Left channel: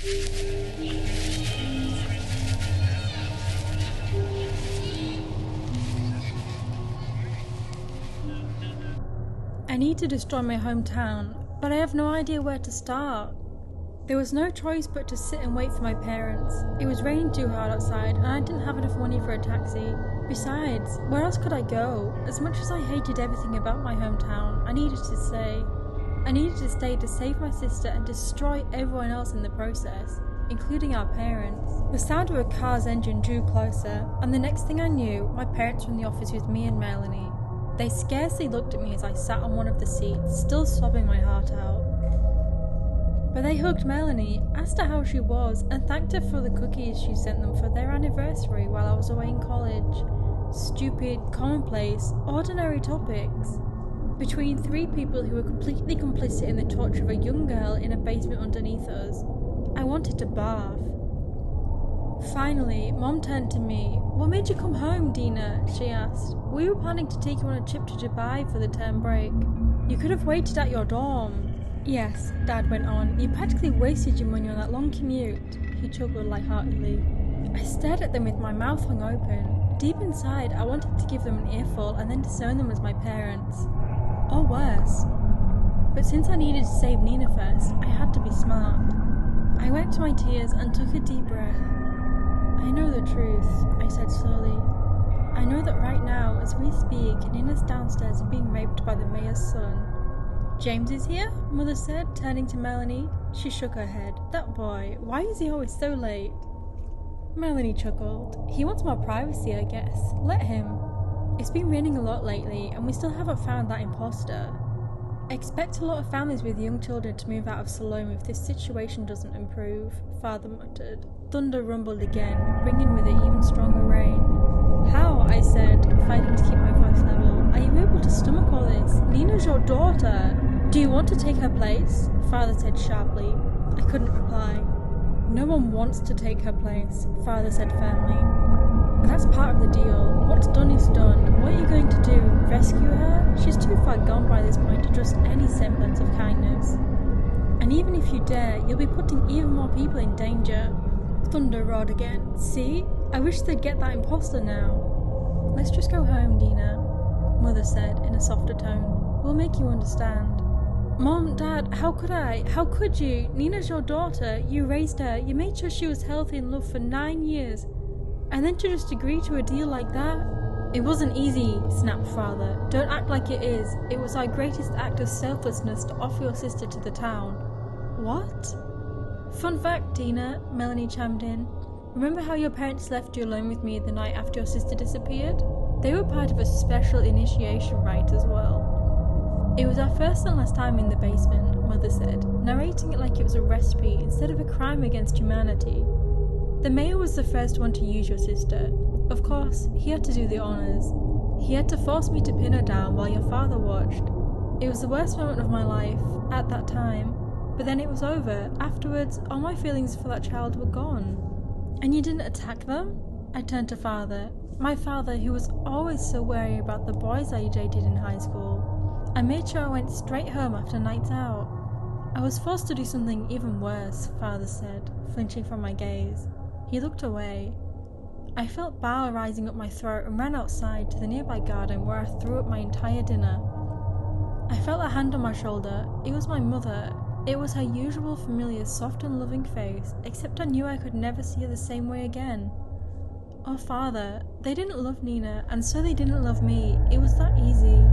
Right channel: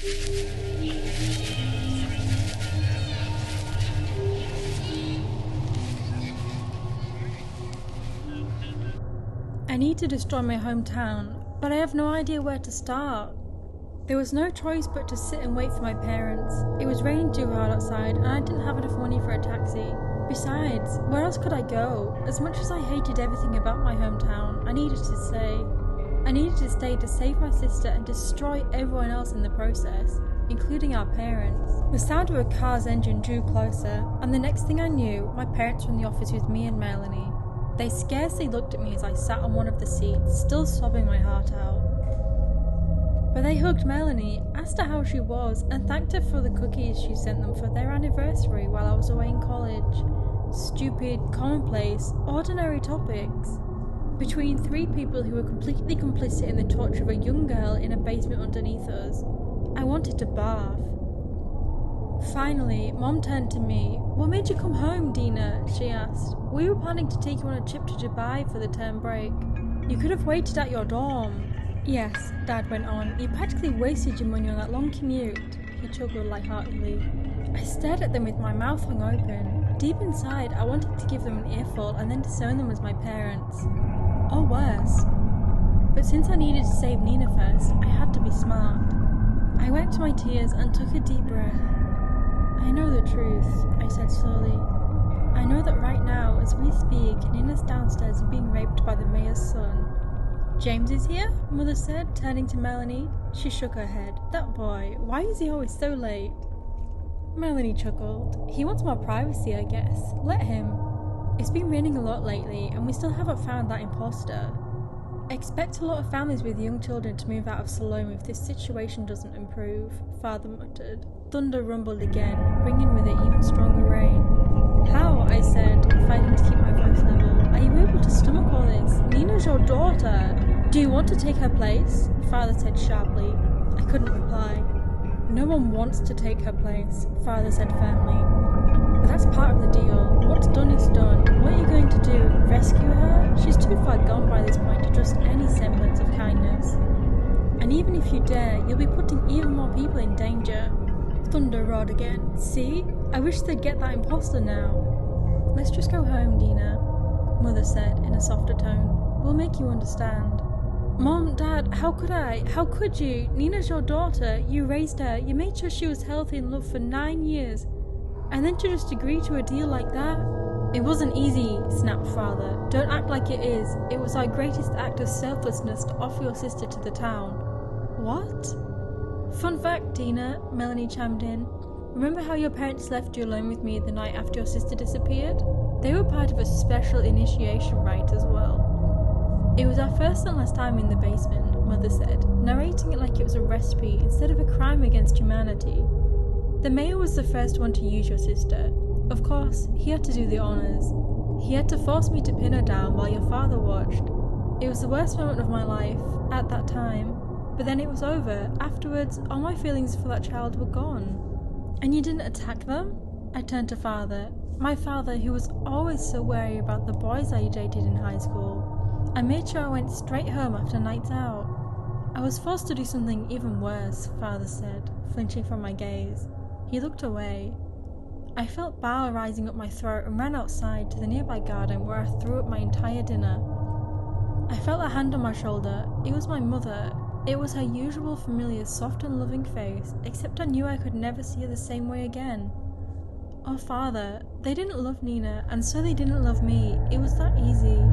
I need to destroy my hometown, but I have no idea where to start. There was no choice but to sit and wait for my parents. It was raining too hard outside and I didn't have enough money for a taxi. Besides, where else could I go? As much as I hated everything about my hometown, I needed to stay. I needed to stay to save my sister and destroy everyone else in the process, including our parents. The sound of a car's engine drew closer, and the next thing I knew, my parents were in the office with me and Melanie. They scarcely looked at me as I sat on one of the seats, still sobbing my heart out. But they hugged Melanie, asked her how she was, and thanked her for the cookies she sent them for their anniversary while I was away in college. Stupid, commonplace, ordinary topics. Between three people who were completely complicit in the torture of a young girl in a basement underneath us, I wanted to barf. Finally, Mom turned to me. "What made you come home, Dina?" she asked. "We were planning to take you on a trip to Dubai for the term break. You could have waited at your dorm." "Yes," Dad went on, "you practically wasted your money on that long commute." He chuckled lightheartedly. I stared at them with my mouth hung open. Deep inside, I wanted to give them an earful and then disown them as my parents. Or worse. But since I needed to save Nina first, I had to be smart. I wiped my tears and took a deep breath. "I know the truth," I said slowly. "I know that right now, as we speak, Nina's downstairs and being raped by the mayor's son." "James is here?" Mother said, turning to Melanie. She shook her head. "That boy, why is he always so late?" Melanie chuckled. "He wants more privacy, I guess. Let him. It's been raining a lot lately, and we still haven't found that imposter. Expect a lot of families with young children to move out of Salome if this situation doesn't improve," Father muttered. Thunder rumbled again, bringing with it even stronger rain. "How?" I said, fighting to keep my voice level. "Are you able to stomach all this? Nina's your daughter. Do you want to take her place?" Father said sharply. I couldn't reply. "No one wants to take her place," Father said firmly. "But that's part of the deal. What's done is done. What are you going to do? Rescue her? She's too far gone by this point to trust any semblance of kindness. And even if you dare, you'll be putting even more people in danger." Thunder roared again. "See? I wish they'd get that imposter now." "Let's just go home, Dina," Mother said in a softer tone. "We'll make you understand." "Mom, Dad, how could I? How could you? Nina's your daughter. You raised her. You made sure she was healthy and loved for 9 years. And then to just agree to a deal like that?" "It wasn't easy," snapped Father. "Don't act like it is. It was our greatest act of selflessness to offer your sister to the town." "What?" "Fun fact, Dina," Melanie chimed in. "Remember how your parents left you alone with me the night after your sister disappeared? They were part of a special initiation rite as well. It was our first and last time in the basement," Mother said, narrating it like it was a recipe instead of a crime against humanity. "The mayor was the first one to use your sister. Of course, he had to do the honors. He had to force me to pin her down while your father watched. It was the worst moment of my life, at that time. But then it was over. Afterwards, all my feelings for that child were gone." "And you didn't attack them?" I turned to Father. My father, who was always so wary about the boys I dated in high school. I made sure I went straight home after nights out. "I was forced to do something even worse," Father said, flinching from my gaze. He looked away. I felt bile rising up my throat and ran outside to the nearby garden where I threw up my entire dinner. I felt a hand on my shoulder. It was my mother. It was her usual familiar soft and loving face, except I knew I could never see her the same way again. Oh, Father, they didn't love Nina, and so they didn't love me. It was that easy.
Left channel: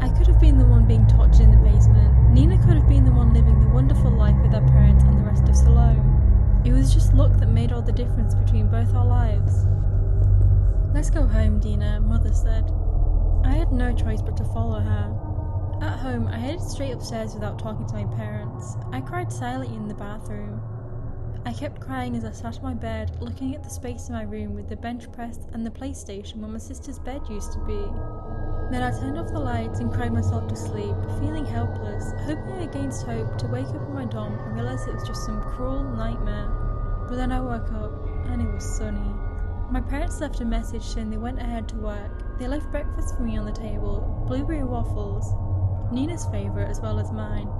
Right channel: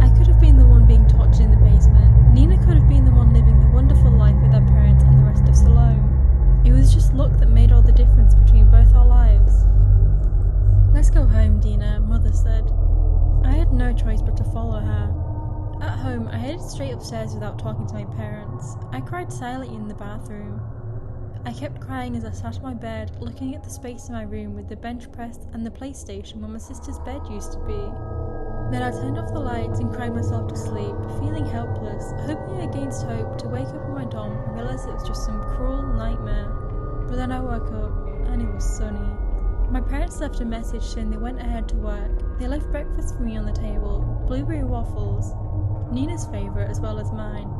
I could have been the one being tortured in the basement. Nina could have been the one living the wonderful life with her parents and the rest of Salome. It was just luck that made all the difference between both our lives. "Let's go home, Dina," Mother said. I had no choice but to follow her. At home, I headed straight upstairs without talking to my parents. I cried silently in the bathroom. I kept crying as I sat on my bed, looking at the space in my room with the bench press and the PlayStation where my sister's bed used to be. Then I turned off the lights and cried myself to sleep, feeling helpless, hoping against hope to wake up in my dorm and realize it was just some cruel nightmare. But then I woke up, and it was sunny. My parents left a message saying they went ahead to work. They left breakfast for me on the table, blueberry waffles, Nina's favourite as well as mine.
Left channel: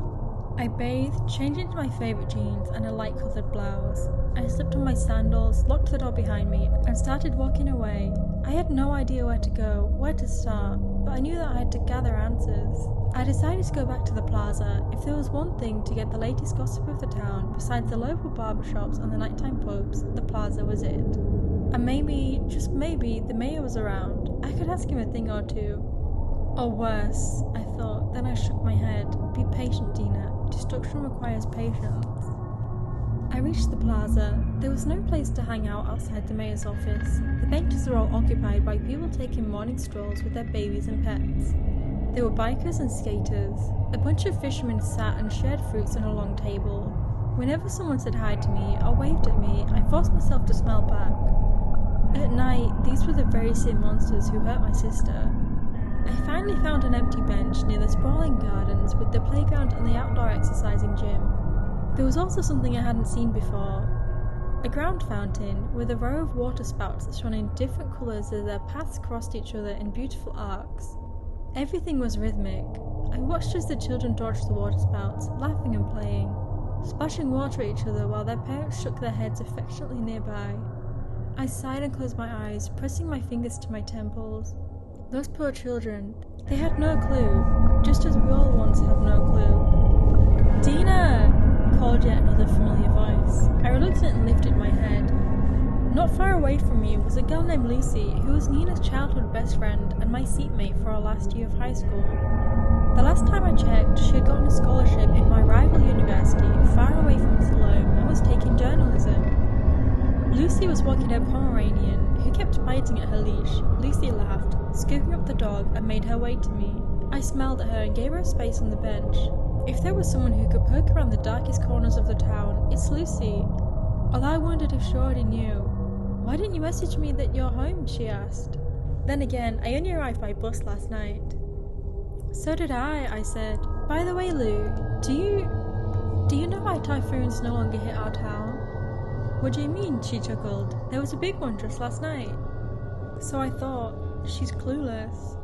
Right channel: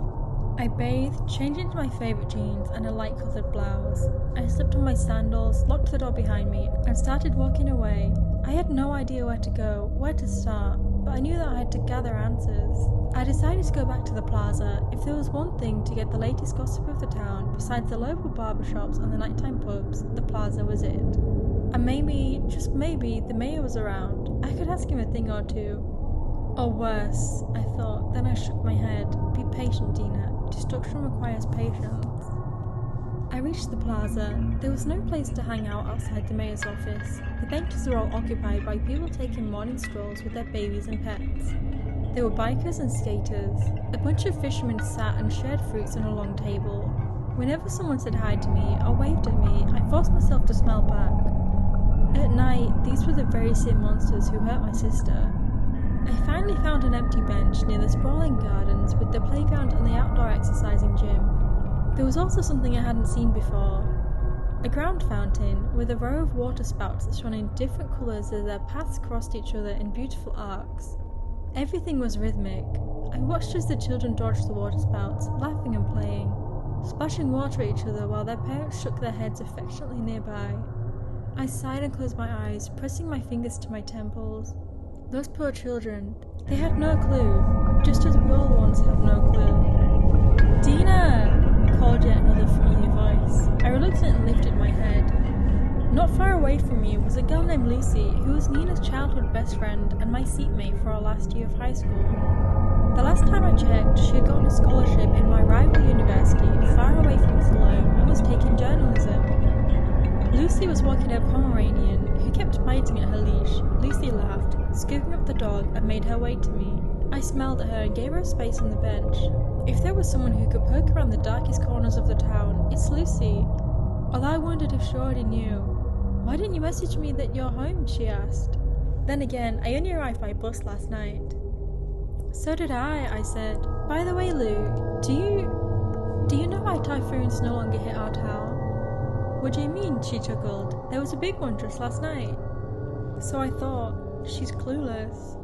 I bathed, changed into my favourite jeans and a light-coloured blouse. I slipped on my sandals, locked the door behind me, and started walking away. I had no idea where to go, where to start, but I knew that I had to gather answers. I decided to go back to the plaza. If there was one thing to get the latest gossip of the town, besides the local barbershops and the nighttime pubs, the plaza was it. And maybe, just maybe, the mayor was around. I could ask him a thing or two. Or worse, I thought. Then I shook my head. Be patient, Dina. Destruction requires patience. I reached the plaza. There was no place to hang out outside the mayor's office. The benches were all occupied by people taking morning strolls with their babies and pets. There were bikers and skaters. A bunch of fishermen sat and shared fruits on a long table. Whenever someone said hi to me or waved at me, I forced myself to smile back. At night, these were the very same monsters who hurt my sister. I finally found an empty bench near the sprawling gardens with the playground and the outdoor exercising gym. There was also something I hadn't seen before. A ground fountain with a row of water spouts that shone in different colours as their paths crossed each other in beautiful arcs. Everything was rhythmic. I watched as the children dodged the water spouts, laughing and playing, splashing water at each other while their parents shook their heads affectionately nearby. I sighed and closed my eyes, pressing my fingers to my temples. Those poor children, they had no clue, just as we all once have no clue. "Dina!" called yet another familiar voice. I reluctantly lifted my head. Not far away from me was a girl named Lucy, who was Nina's childhood best friend and my seatmate for our last year of high school. The last time I checked, she had gotten a scholarship in my rival university, far away from Salome, and was taking journalism. Lucy was walking her Pomeranian, who kept biting at her leash. Lucy laughed, scooping up the dog, and made her way to me. I smiled at her and gave her a space on the bench. If there was someone who could poke around the darkest corners of the town, it's Lucy. Although I wondered if she already knew. "Why didn't you message me that you're home?" she asked. Then again, I only arrived by bus last night. "So did I said. By the way, Lou, do you know why typhoons no longer hit our town?" "What do you mean?" she chuckled. "There was a big one just last night." So I thought, she's clueless.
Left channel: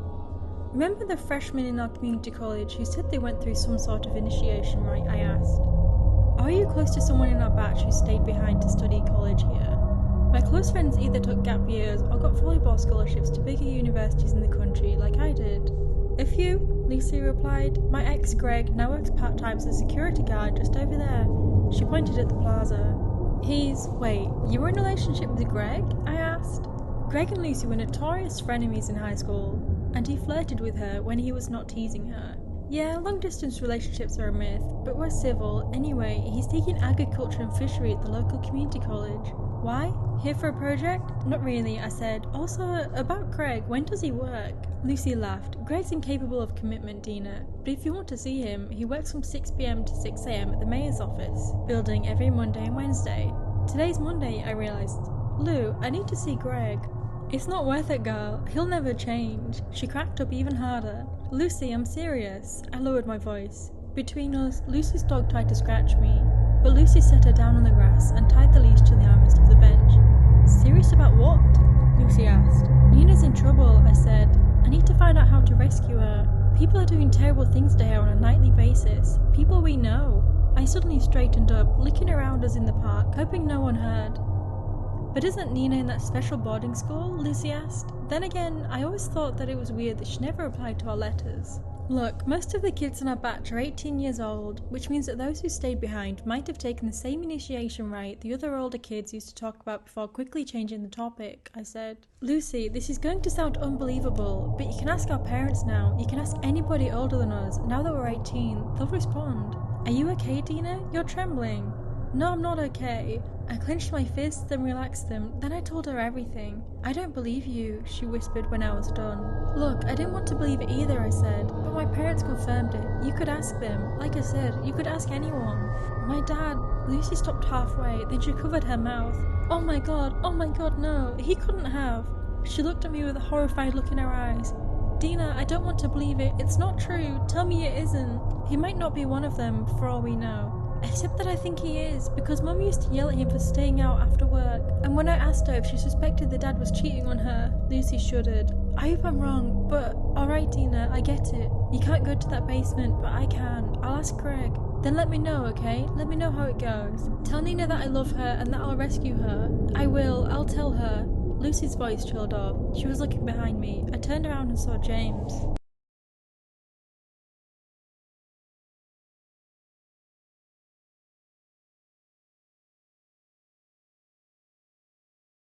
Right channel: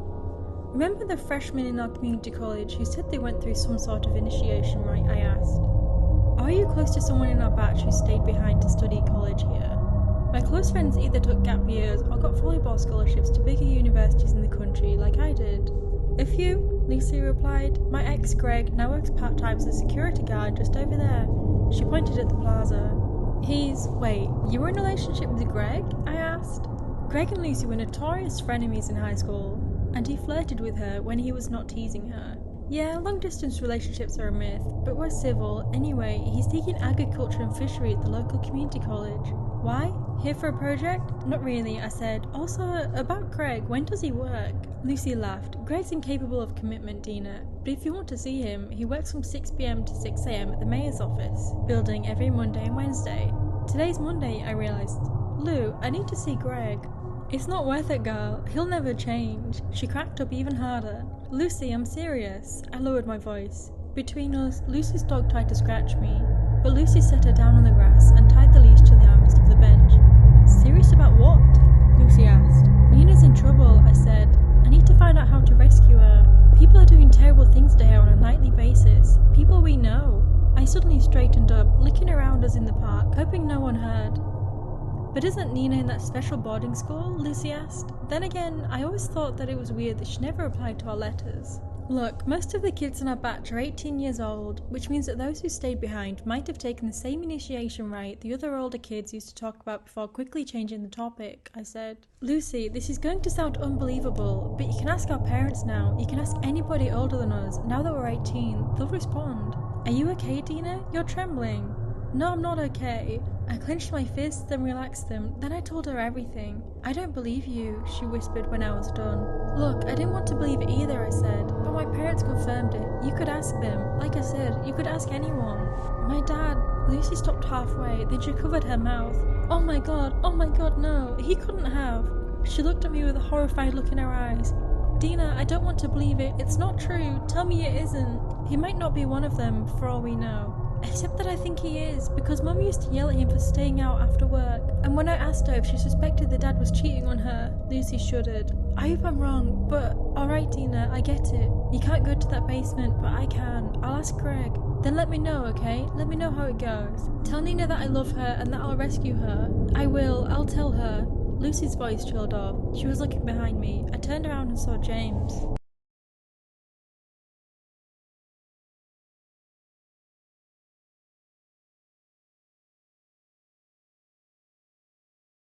"Remember the freshmen in our community college who said they went through some sort of initiation rite?" I asked. "Are you close to someone in our batch who stayed behind to study college here?" My close friends either took gap years or got volleyball scholarships to bigger universities in the country like I did. "A few," Lucy replied. "My ex, Greg, now works part-time as a security guard just over there." She pointed at the plaza. Wait, you were in a relationship with Greg?" I asked. Greg and Lucy were notorious frenemies in high school, and he flirted with her when he was not teasing her. Yeah, long-distance relationships are a myth, but we're civil. Anyway, he's taking agriculture and fishery at the local community college. "Why? Here for a project?" "Not really," I said. "Also, about Greg, when does he work?" Lucy laughed. "Greg's incapable of commitment, Dina, but if you want to see him, he works from 6 p.m. to 6 a.m. at the mayor's office, building every Monday and Wednesday." Today's Monday, I realised. "Lou, I need to see Greg." "It's not worth it, girl. He'll never change." She cracked up even harder. "Lucy, I'm serious." I lowered my voice. Between us, Lucy's dog tried to scratch me, but Lucy set her down on the grass and tied the leash to the armrest of the bench. "Serious about what?" Lucy asked. "Nina's in trouble," I said. "I need to find out how to rescue her. People are doing terrible things to her on a nightly basis. People we know." I suddenly straightened up, looking around us in the park, hoping no one heard. "But isn't Nina in that special boarding school?" Lucy asked. Then again, I always thought that it was weird that she never replied to our letters. "Look, most of the kids in our batch are 18 years old, which means that those who stayed behind might have taken the same initiation rite the other older kids used to talk about before quickly changing the topic," I said. "Lucy, this is going to sound unbelievable, but you can ask our parents now. You can ask anybody older than us. Now that we're 18, they'll respond." "Are you okay, Dina? You're trembling." "No, I'm not okay." I clenched my fists, then relaxed them. Then I told her everything. "I don't believe you," she whispered when I was done. "Look, I didn't want to believe it either," I said, "but my parents confirmed it. You could ask them. Like I said, you could ask anyone." "My dad..." Lucy stopped halfway, then she covered her mouth. Oh my god, no, he couldn't have." She looked at me with a horrified look in her eyes. "Dina, I don't want to believe it. It's not true. Tell me it isn't. He might not be one of them, for all we know. Except that I think he is, because Mum used to yell at him for staying out after work. And when I asked her if she suspected the dad was cheating on her," Lucy shuddered. "I hope I'm wrong, but alright Dina, I get it. You can't go to that basement, but I can. I'll ask Greg." Then let me know, okay? Let me know how it goes. Tell Nina that I love her and that I'll rescue her. I will, I'll tell her. Lucy's voice trailed off. She was looking behind me. I turned around and saw James.